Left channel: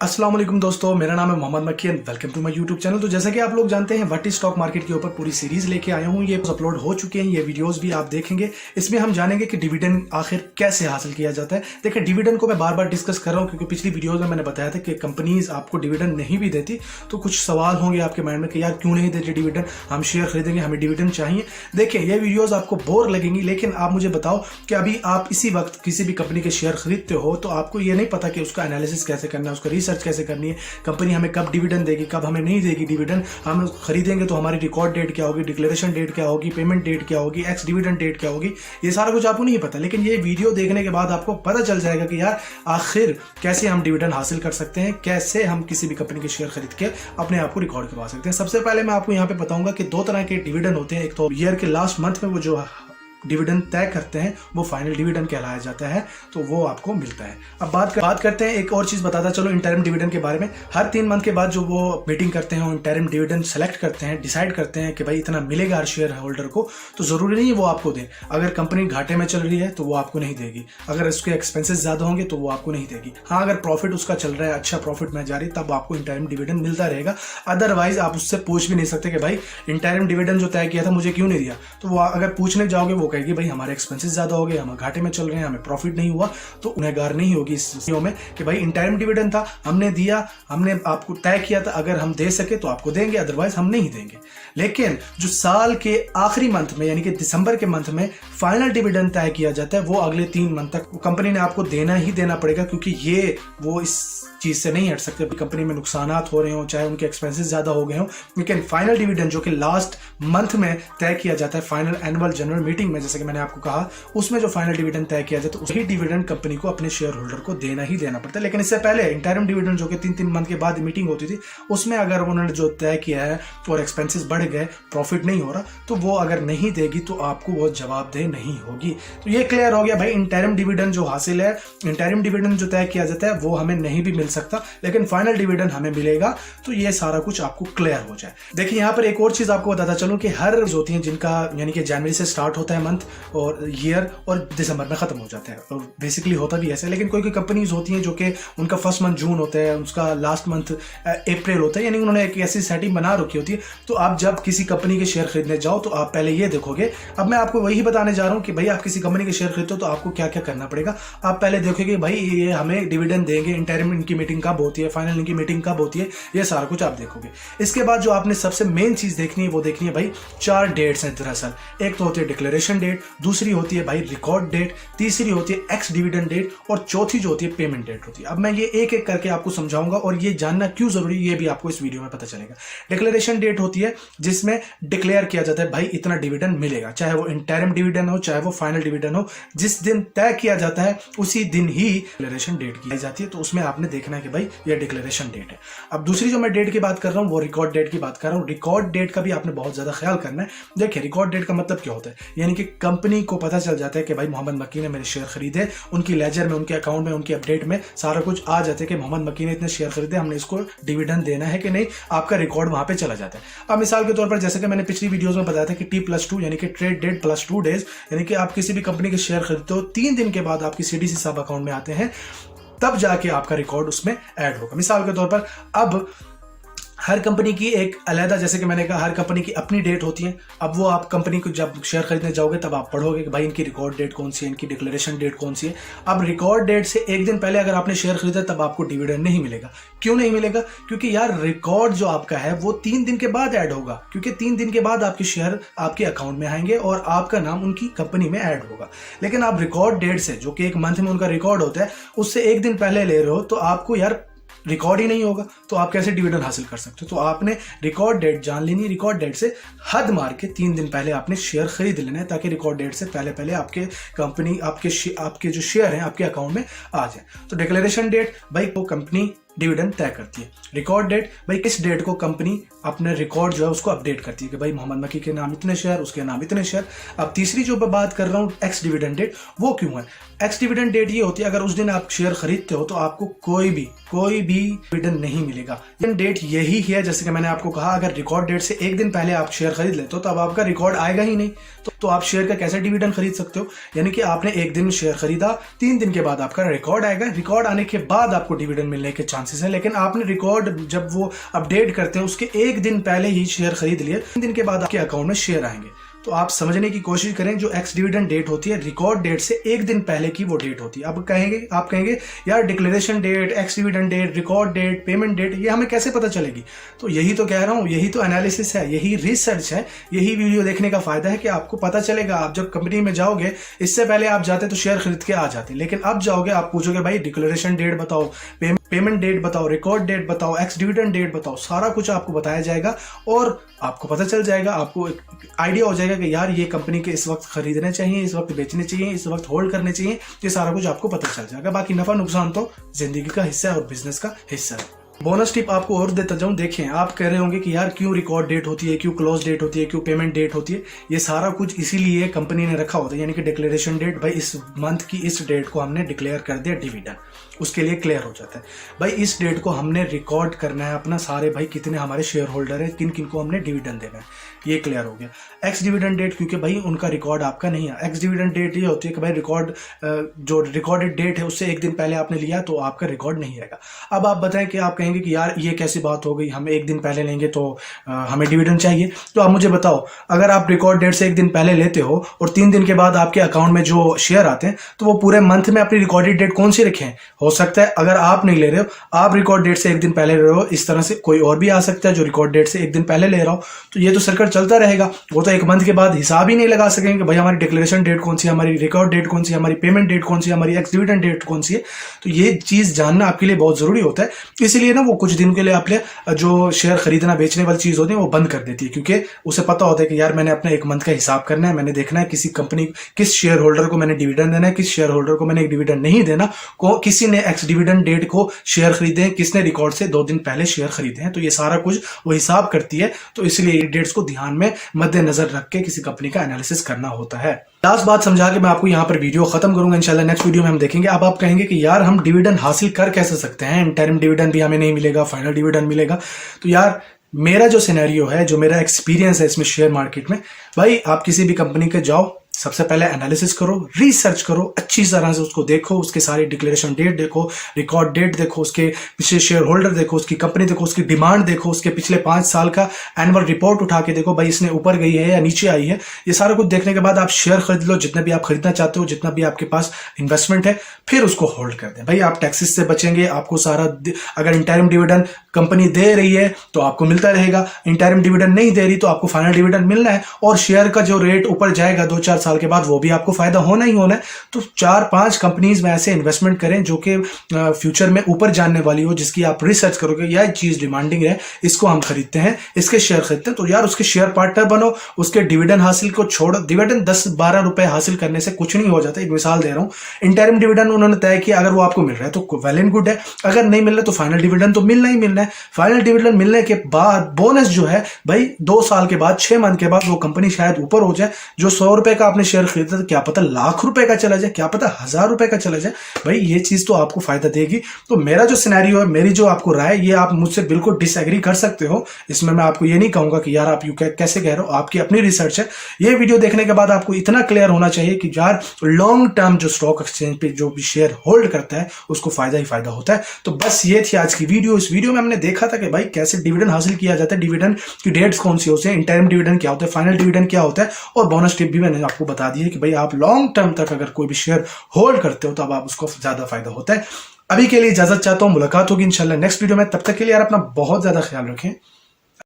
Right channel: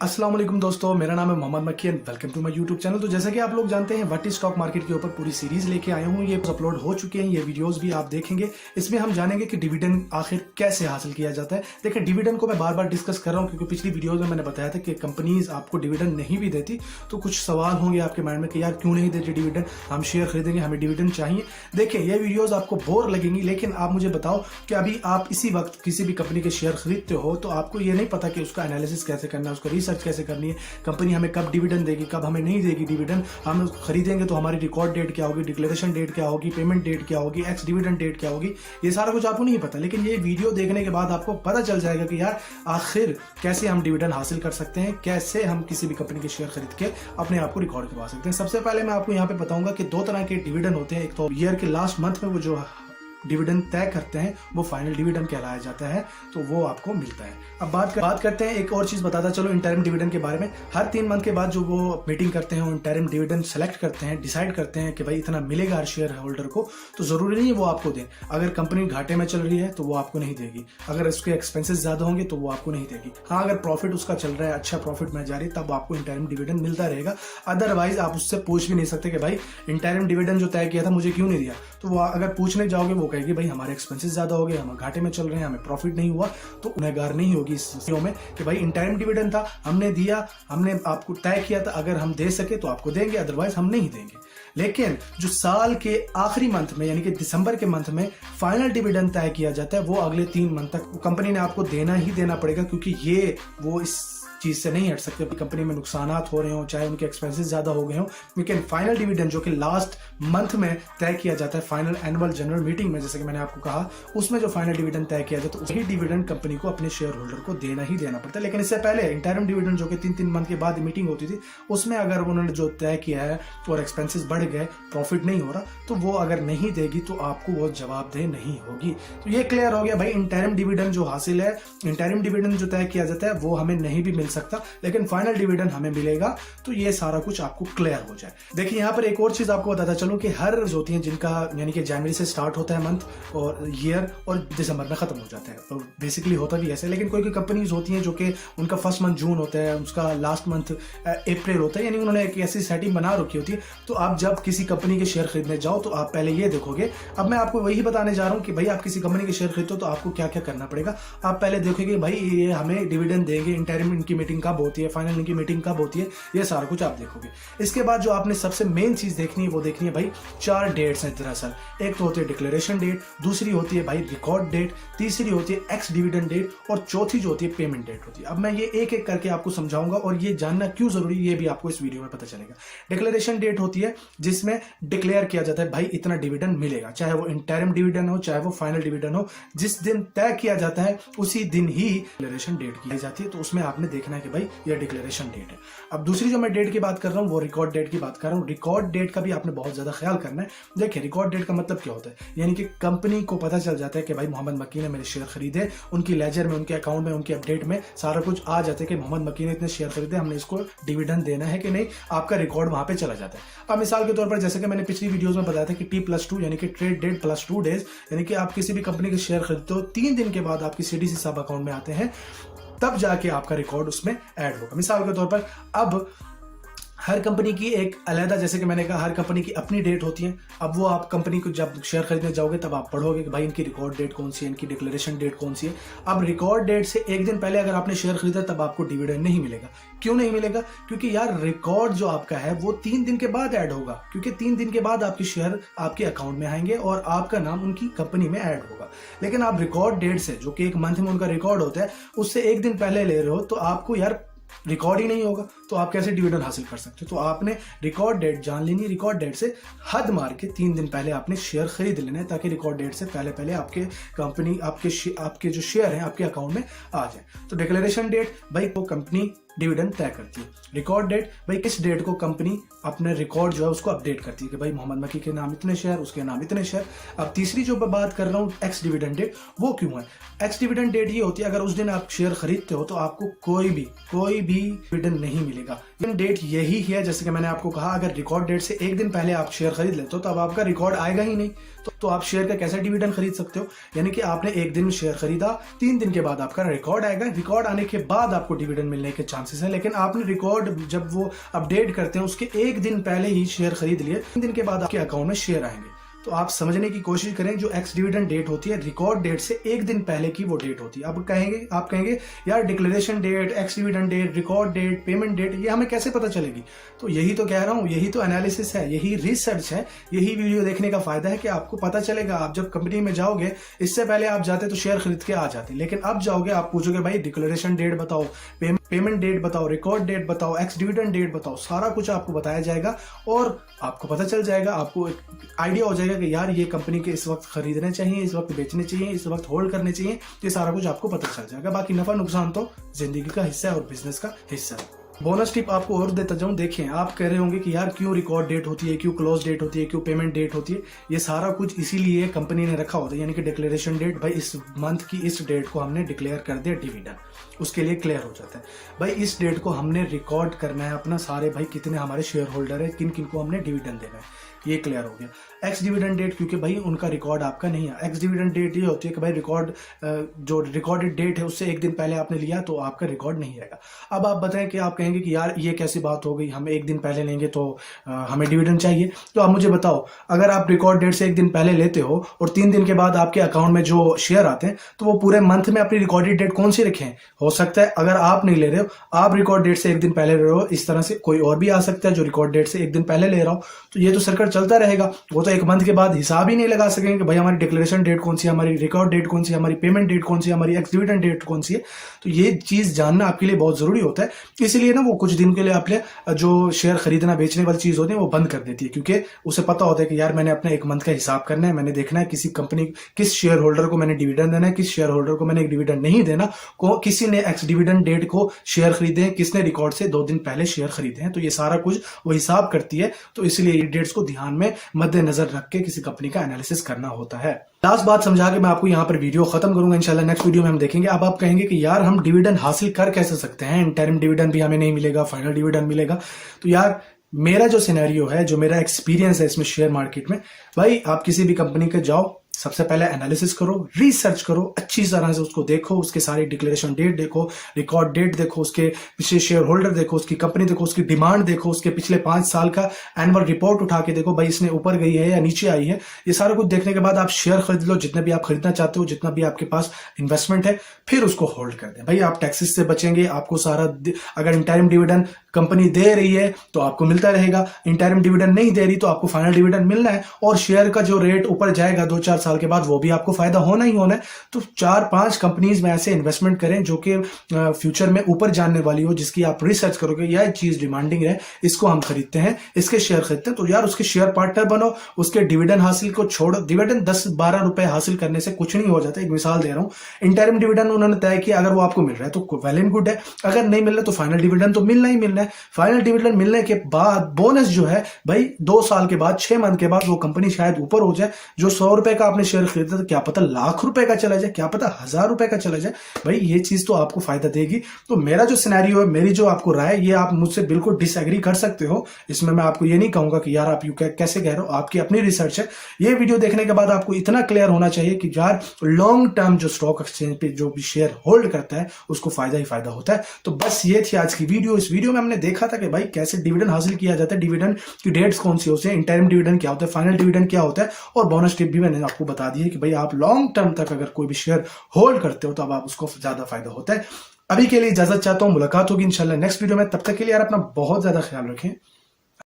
अस्सलाम वालेकुम दोस्तों, मेरा नाम है Mohammad Makki and welcome to my YouTube channel. तो जैसा कि आप लोग जानते हैं व्हाट इज स्टॉक मार्केट के ऊपर पूरी सीरीज लेके आया हूँ। ये अपलोड हो चुके हैं, ये वीडियोस भी आप देखेंगे। इसमें हम जानेंगे कि डिविडेंड आखिर कैसे हासिल किया जाता है। देखिए, डिविडेंड को मैं बार बार डिस्कस कर रहा हूँ क्योंकि पिछली वीडियोज में मैंने बताया था कि कंपनीज आपको डिविडेंड नहीं भी देती, तो कुछ सवाल होंगे आपके माइंड में कि यार क्यों नहीं देती डिविडेंड, हम शेयर खरीदेंगे, हमें डिविडेंड चाहिए। देखिए, ये वीडियोज आपको बोर लगेंगी, लेकिन आप मुझे बताओ कि अभी आप इसी वक्त किसी भी कंपनी के शेयर खरीदते हो तो आपको ये नहीं पता कि उसका एनालिसिस कैसे करना है, उसका रिसर्च कैसे करनी है, कंपनी हमें कब डिविडेंड देगी, कब हमें नहीं देगी डिविडेंड, हम खरीदेंगे तो हमारी रिकॉर्ड डेट क्या होगी, डिक्लेरेशन डेट क्या होगी, पेमेंट डेट क्या होगी, एक्स डिविडेंड डेट क्या होगी, ये सारा कुछ आपको नहीं पता। लेकिन ये वीडियो देखने के बाद आपको पता चल जाएगा कि यार आखिर कैसे हम डिविडेंड हासिल कर सकते हैं, कैसे हम किसी भी कंपनी के शेयर खरीद के अपने आप को रिकॉर्ड करवा सकते हैं। सबसे पहले मैं आपको यहाँ पे बताऊंगा कि दो तरह के डिविडेंड होते हैं। एक तो ईयर के लास्ट मंथ में वो जो डिविडेंड तय करते हैं वो फाइनल डिविडेंड कहलाया जाता है, तो वो आपको मिलता है। अब बात करते हैं एक और चीज बताता चलो इंटरिम डिविडेंड के बारे में। हर 3 मंथ के बाद जो वो मीटिंग करते हैं, वो इंटरिम डिविडेंड सेलेक्ट करते हैं, डिसाइड करते हैं कि भाई इतना मिलेगा हर शेयर होल्डर को। तो जरूरी नहीं है वो आपको दे। अगर कंपनी घाटे में चल रही है तो वो आपको नहीं देगी, अगर उसके एक्सपेंसेस ज्यादा होंगे तो वो आपको नहीं देगी। हाँ, अगर प्रॉफिट उसका चल रहा है, अच्छा प्रॉफिट में जा रही, तब आपको इंटरिम डिविडेंड मिलता रहेगा। अदरवाइज आप उससे पूछ भी नहीं सकते कि भाई इंटरिम डिविडेंड जो तय किया था मुझे क्यों नहीं दिया। तो वो अगर पूछने जाओगे वो कहेगी भाई हमारे एक्सपेंसेस ज्यादा हो गए, हम घाटे में चल रहे हैं, हमें प्रॉफिट नहीं हुआ। तो उन्हें नहीं होगी इस स्थितियों में कि भाई इंटरिम डिविडेंड था, हमने दिया, हमने आपको तय किया था, अगर हम दे सके तो आपको देंगे, अदरवाइज हम नहीं देंगे। लेकिन जो साल के आखिरी मंथ में यानी कि दिसंबर के मंथ में फाइनल डिविडेंड तय किया जाता है, वो अगले 3 मंथ तक कंपनी ने आपको देना ही देना पड़ेगा, क्योंकि ये वो इस चीज से नहीं हट सकते। कंपनी में नुकसानात हो रहे हो, चाहे उनके एक्सपेंसेस ज्यादा हो गए हो, लेकिन फाइनल डिविडेंड जो कि लास्ट मंथ में तय किया जाता है फाइनल एनुअल जनरल मीटिंग में, जैसे कि मैंने आपको कहा, उसमें जो फाइनल डिविडेंड तय किया जाता है तो उसी डिविडेंड कंपनी को अपने शेयर होल्डर को देना ही देना पड़ता है। लेकिन इससे पहले इंटरिम डिविडेंड जो कि 3-3 मंथ के बाद मीटिंग होती थी, उसमें अगर उन्होंने जो तय किया है और एक्सपेंसेस बढ़ गए, प्रॉफिट नहीं हो रहा, तो वो अगर नहीं देगी तो आपको वो जवाबदेह नहीं होगी। तो ये क्लियर हो गया भाई, इंटरिम डिविडेंड जो हासिल है, इंटरिम डिविडेंड जो तय किया जाता है वो हमें नहीं भी मिल सकता, लेकिन फाइनल डिविडेंड हमें मिलेगा। तो ये सारा कुछ आपको क्लियर हो जाए। देखिए, यहाँ पर एक और चीज आपको बताता चलूं कि हर होती हैं जिनका यानी कि जनवरी से स्टार्ट होता है मंथ और ईयर और दिसंबर में खत्म हो जाता है, और बेसिकली होता भी ऐसे। लेकिन कोई कंपनीज होती हैं जो कि उनका फर्स्ट मंथ जून होता है, उसका लास्ट मंथ अप्रैल होता है, यानी उन्होंने एक ऐसी सेटिंग बना रखी होती है। तो आप जब किसी कंपनी के शेयर खरीदने जाओ तो आप पहले ये देखोगे, अब मैं आपको वही बताने जा रहा हूँ कि भाई आप किसी कंपनी के शेयर खरीदते हो तो आपको क्या क्या करना पड़ेगा। आप पहले देखोगे भाई ये हमें डिविडेंड देंगे, इंटरिम इनकी मीटिंग कब होती है, फाइनल इनकी मीटिंग कब होती है, ये सारा कुछ आप देखोगे। इसके बाद जो आपने सबसे मेन चीज देखनी है वो देखनी है भाई 4 डेट्स हैं दरअसल। एक तो होती है डिक्लेरेशन डेट, दूसरी होती है भाई रिकॉर्ड डेट, तीसरी होती है एक्स डिविडेंड डेट, और चौथी जो होती है पेमेंट डेट होती है। अब मैं ये एक एक करके आपको समझाऊंगा और ये जानना क्यों जरूरी ये भी आपको इस वीडियो में पता चलेगा। डिक्लेरेशन डेट होती है जिसमें डिक्लेयर किया जाता है भाई इतना डिविडेंड मिलेगा, चाहे वो इंटरिम डिविडेंड हो, चाहे वो फाइनल डिविडेंड हो, जिस दिन तय किया जाता है उसी दिन ही डिक्लेरेशन डेट की जाती है। तो उसमें आपने देखना है कि भाई ये डिक्लेरेशन डेट है। अब दूसरी जो मैं डेट की बात कर रहा हूं वो रिकॉर्ड डेट की बात कर रहा हूं। रिकॉर्ड डेट का भी आपने बहुत ज्यादा ख्याल करना है। देखिए, रिकॉर्ड डेट का मतलब क्या होता है, यानी कि कंपनी को पता चल जाता है कि भाई मोहम्मद मक्की ने मेरे शेयर खरीदे, उनकी लेजर में, उनके अकाउंट में, उनकी अपडेट में सारा कुछ आ जाता है कि मोहम्मद मक्की ने इतने शेयर खरीदे, हमने इसको डिविडेंड देना है कि नहीं, आपका रिकॉर्ड वहां पे चला जाता है। अब मिसाल के तौर पर जैसे कि मैंने पिछली वीडियोस में बताया था कि T+2 यानी कि ट्रेड डेट +2 डेज, यानी कि आप किसी भी कंपनी के शेयर खरीदते हो, 3 दिन के बाद आपकी CDC सब अकाउंट में आते हैं, तब जाके आपका रिकॉर्ड उसमें ऐड होगा। मिसाल के तौर पर अब हर कंपनी की एक अलग, जैसे कि मैंने कहा, हर कंपनी की अपनी डेट होती है। अब वो आप कंपनी को जब शेयर खरीदने जाओगे तब आप पढ़ोगे कि भाई इनकी रिकॉर्ड डेट कौन सी है, इनकी डिक्लेरेशन डेट कौन सी है। अब रिकॉर्ड डेट से एक दिन पहले अगर आपने शेयर खरीदा तब आपको डिविडेंड नहीं मिलेगा। क्यों नहीं मिलेगा? क्योंकि यार रिकॉर्ड जो आपका है वो 3 दिन के बाद ऐड होगा, क्योंकि 3 दिन के बाद आपके शेयर आपके अकाउंट में आएंगे और आपका नाम उनकी कंपनी में ऐड होगा। लेकिन आप रिकॉर्ड डेट से, जो कि एक मंथ में उनका रिकॉर्ड होता है, उससे एक दिन पहले ले रहे हो तो आपको यार रिकॉर्ड ही नहीं होगा, तो आप कैसे डिविडेंड हासिल कर सकते हो। तो आपने रिकॉर्ड डेट जान लेनी है, रिकॉर्ड डेट से हद मार के 3 दिन पहले आपने शेयर खरीद लेना है, ताकि रिकॉर्ड डेट से पहले पहले आपके कंपनी आपके जो शेयर हैं आपके अकाउंट में आ जाए। तो डिक्लेरेशन डेट भाई वो कंपनी डिविडेंड तय करती है। रिकॉर्ड डेट भाई किस डेट को कंपनी अपने रिकॉर्ड जो है उसको अपडेट करती है कि भाई मोहम्मद मक्की के नाम इतने शेयर, उसके नाम इतने शेयर। अब तीसरी जो मैं बात कर रहा हूँ एक्स डिविडेंड डेट, वो क्यों है? एक्स डिविडेंड डेट ये होती है अगर उस दिन आप शेयर खरीदते हो तो आपको कोई भी डिविडेंड नहीं मिलेगा। डेट यही है, जैसे कि मैंने आपको कहा, अगर रिकॉर्ड डेट से एक दिन पहले आप शेयर खरीद लेते हो तो अब आपका रिकॉर्ड आएगा ही नहीं, तो आप शेयर का कैसे डिविडेंड खरीद सकते हो? यानी कि आपने एक दिन में शेयर खरीदा, 3 दिन के बाद आपका रिकॉर्ड आएगा, रिकॉर्ड आने के बाद आपको डिविडेंड मिलने के चांसेस चांसेस है। लेकिन आपने रिकॉर्ड जब वो अपडेट करते हैं उसके एक दिन पहले ही शेयर खरीद लिए, 3 दिन के बाद आपके अकाउंट में शेयर आएंगे। तो आप समझने की कोशिश करें, जो एक्स डिविडेंड डेट होती है रिकॉर्ड डेट से एक दिन पहले की वो डेट होती है। अब आप कहेंगे यार declaration date, ex dividend date, record date, payment date, ये हमें कैसे पता चलेगी? तो यही तो कह रहा हूं, यही तो एनालिसिस है, यही रिसर्च है, यही वीडियो देखने का फायदा है कि आपको पता चलेगा। आप जब कंपनी में जाओगे, इससे पहले आप जाते तो शेयर खरीद के आ जाते, लेकिन अब जाओगे आप पूछोगे भाई डिक्लेरेशन डेट बताओ, पेमेंट डेट बताओ, रिकॉर्ड डेट बताओ, एक्स डिविडेंड डेट बताओ, सारा कुछ आपको बताया जाएगा और आपको पता चल जाएगा, आपको एक आइडिया हो जाएगा कि यार ये कंपनी के इस वक्त खरीदने चाहिए, इस वक्त बेचने चाहिए, इस वक्त होल्ड करने चाहिए। ये सारा कुछ आपको पता चल जाएगा। बाकी नफा नुकसान तो जिंदगी का हिस्सा है और बिजनेस का हिस्सा है। बोनस टिप आपको और देता जाऊं, देखें आप कह रहे होंगे कि यार क्यों रिकॉर्ड डेट होती है, क्यों क्लोज डेट होती है, क्यों पेमेंट डेट होती है। ये सारा कुछ इसीलिए कंपनी ने रखा होता है, यानी कि डिक्लेरेशन डेट, भाई इस मंथ की इस डेट को हमने डिक्लेयर कर दिया डिविडेंड, उसके लिए क्लियर हो जाता है भाई इस डेट को हमने रिकॉर्ड करना है अपना सारे, भाई कितने हमारे शेयर होल्डर है, किन किन को हमने डिविडेंड देना है, ये क्लियर हो गया। एक्स डिविडेंड डेट, क्योंकि भाई उनका रिकॉर्ड आपका नहीं है। एक्स डिविडेंड डेट ये होती है कि भाई रिकॉर्ड जो रिकॉर्डेड डेट है उससे एक दिन पहले आपने लिया तो आपका रिकॉर्ड नहीं रहेगा। अब आप बताएं कि आप कहेंगे कि यार ये कैसी बात हो गई, हम एक दिन पहले लेंगे तो हमें डिविडेंड चाहिए। तो आप मुझे बताओ, अगर आप रिकॉर्ड डेट से एक दिन पहले लेते हो और 3 दिन के बाद आपके अकाउंट में जो शेयर आते हैं, तो वो पूरे मंथ में अपनी रिकॉर्डेड डेट कौन सी रखें? हो सकता है अगर आप नहीं ले रहे हो, आप रिकॉर्ड डेट से एक दिन पहले ले रहे हो, इस तरह से कोई और भी आ सकता है जो रिकॉर्ड डेट से एक दिन पहले ले रहा हो, तो ये तो सर्कल चलता रहेगा। वो तो एक मंथ के बाद हिसाब ही नहीं लगा सकेंगे कि भाई हमारी डिक्लेरेशन डेट कौन सी है, हमारी रिकॉर्ड डेट कौन सी है, हमारी पेमेंट डेट कौन सी है, हमारी एक्स डिविडेंड डेट कौन सी है। तो ये चीज जानना आपके लिए बहुत जरूरी होता है। इसीलिए ना वो कुछ दिन के लिए आपके जो शेयर खरीदना बेचने वाली चीज होती है वो बंद कर देती है, क्योंकि उसे पता होता है कि यार मैंने अपना एक मंथ का हिसाब करना है, मैंने देखना है किसी कंपनी किस शेयर होल्डर को मैंने डिविडेंड देना है, किस शेयर होल्डर को मैंने डिविडेंड नहीं देना, किसी ने एक्स डिविडेंड डेट को शेयर खरीदे हैं, किसने रिकॉर्ड से 2 दिन पहले शेयर खरीदे हैं। तो ये सारा कुछ वो हिसाब करती है। तो इसलिए डेट्स को ध्यान में मद्देनजर रख के किसी कंपनी का एनालिसिस करना होता है। लास्ट बात समझा के मैं आपको यहाँ पर वीडियो खत्म करूंगा। इंशाल्लाह नेक्स्ट वीडियो में हम देखेंगे। अब आप कहेंगे कि यार हम डिविडेंड हासिल कर कैसे सकते हैं, इंटरिम डिविडेंड भी हमें नहीं मिलेगा, फाइनल डिविडेंड मिलेगा। तो यार मेरा जो सिनेरियो है, जो मेरा एक्सपीरियंस है इसमें शेयर मार्केट में, भाई आप किसी भी कंपनी के जाओ, सबसे पहले एनालिसिस करो, रिसर्च करो, अच्छी तरह से उसको देखो, उसके सारी डिक्लेरेशन डेट देखो, रिकॉर्ड डेट देखो, उसके पिछले शेयर होल्डर देखो, उसकी कंपनी देखो, उसकी डिमांड देखो, उसके पिछले 5 साल का एनुअल रिपोर्ट उठा के देखो, भाई इसने ऊपर गई है या नीचे आई है। ये सारा कुछ देखने के बाद आप शेयर खरीद लो, जितने भी आप खरीदना चाहते हो, जितना भी आपके पास इन्वेस्टमेंट है, फिर उसको होल्ड कर दें। भाई आप टैक्सेस से बचेंगे, आपको सारा, अगर इंटरिम डिविडेंड कंपनी दे रही है तो आपको मिलता रहेगा, इंटरिम डिविडेंड नहीं दे रही तो आपको फाइनल डिविडेंड मिलना है, और शेयर का जो रेट ऊपर जाएगा 2-4 साल के बाद वो भी आपको फायदा होना ही होना है। तो 4-5 कंपनीज में ऐसे इन्वेस्टमेंट करें जो कि फ्यूचर में ऊपर जाने वाली हो, जिसकी आप रिसर्च करोगे यह चीज डिमांडिंग है, इसको हम खरीदते हैं, इसके शेयर खरीदते हैं, तो यार उसके शेयर पार्टनर बनो, उसके डिविडेंड हासिल को छोड़ो। डिविडेंड 10-12 रुपए हासिल करने से कुछ नहीं हो जाता। एक मिसाल दे रहा हूं, इंटरिम डिविडेंड उन्होंने तय किया, अगर वो आपको मिल रहा है तो वेल एंड गुड है, अगर नहीं मिल रहा तो फाइनल डिविडेंड तो मिलना ही मिलना है। फाइनल डिविडेंड मिलने के बाद बोनस जो है भाई 2 साल के बाद, 6 मंथ के बाद वो कंपनी शायद ऊपर हो जाए। जो 100 रुपए का आपने शेयर खरीदा था, क्या पता लाख रुपए का चला जाए, क्या पता 1000 रुपए का चला जाए। भाई ये चीज तो आपको फायदा देगी। तो मेरा जो सिनेरियो है, मेरी जो आपको राय, ये आप मुझसे बिल्कुल डिसएग्री कर सकते हो। इसमें मैं आपको ये नहीं कहूंगा कि यार आप कैसे कह रहे हो, आपकी अपनी रिसर्च है। ये वीडियो देखने के बाद आपको इतना क्लियर होना चाहिए कि यार लॉन्ग टर्म जो स्टॉक एक्सचेंज पे जो भी शेयर होल्ड करता है उसको फायदा ही फायदा होता है। तो बस ये थी आज की वीडियो। इस वीडियो में हमने देखा था कि भाई कैसे डिविडेंड हासिल किया जाता है, डिविडेंड की डेट्स कौन सी होती है, इंटरिम डिविडेंड क्या होता है, फाइनल डिविडेंड क्या होता है, और बोनस टिप भी मैंने आपको बता दी है कि भाई आप लॉन्ग टर्म तक अगर कोई भी शेयर होल्ड करते हो तो अब आप उसको ज्यादा फायदा होता है। अभी के लिए इजाजत चाहता हूं, मुलाकात होगी इंशाल्लाह नेक्स्ट वीडियो में। तब तक के लिए यार अपना बहुत ज्यादा ख्याल रखें।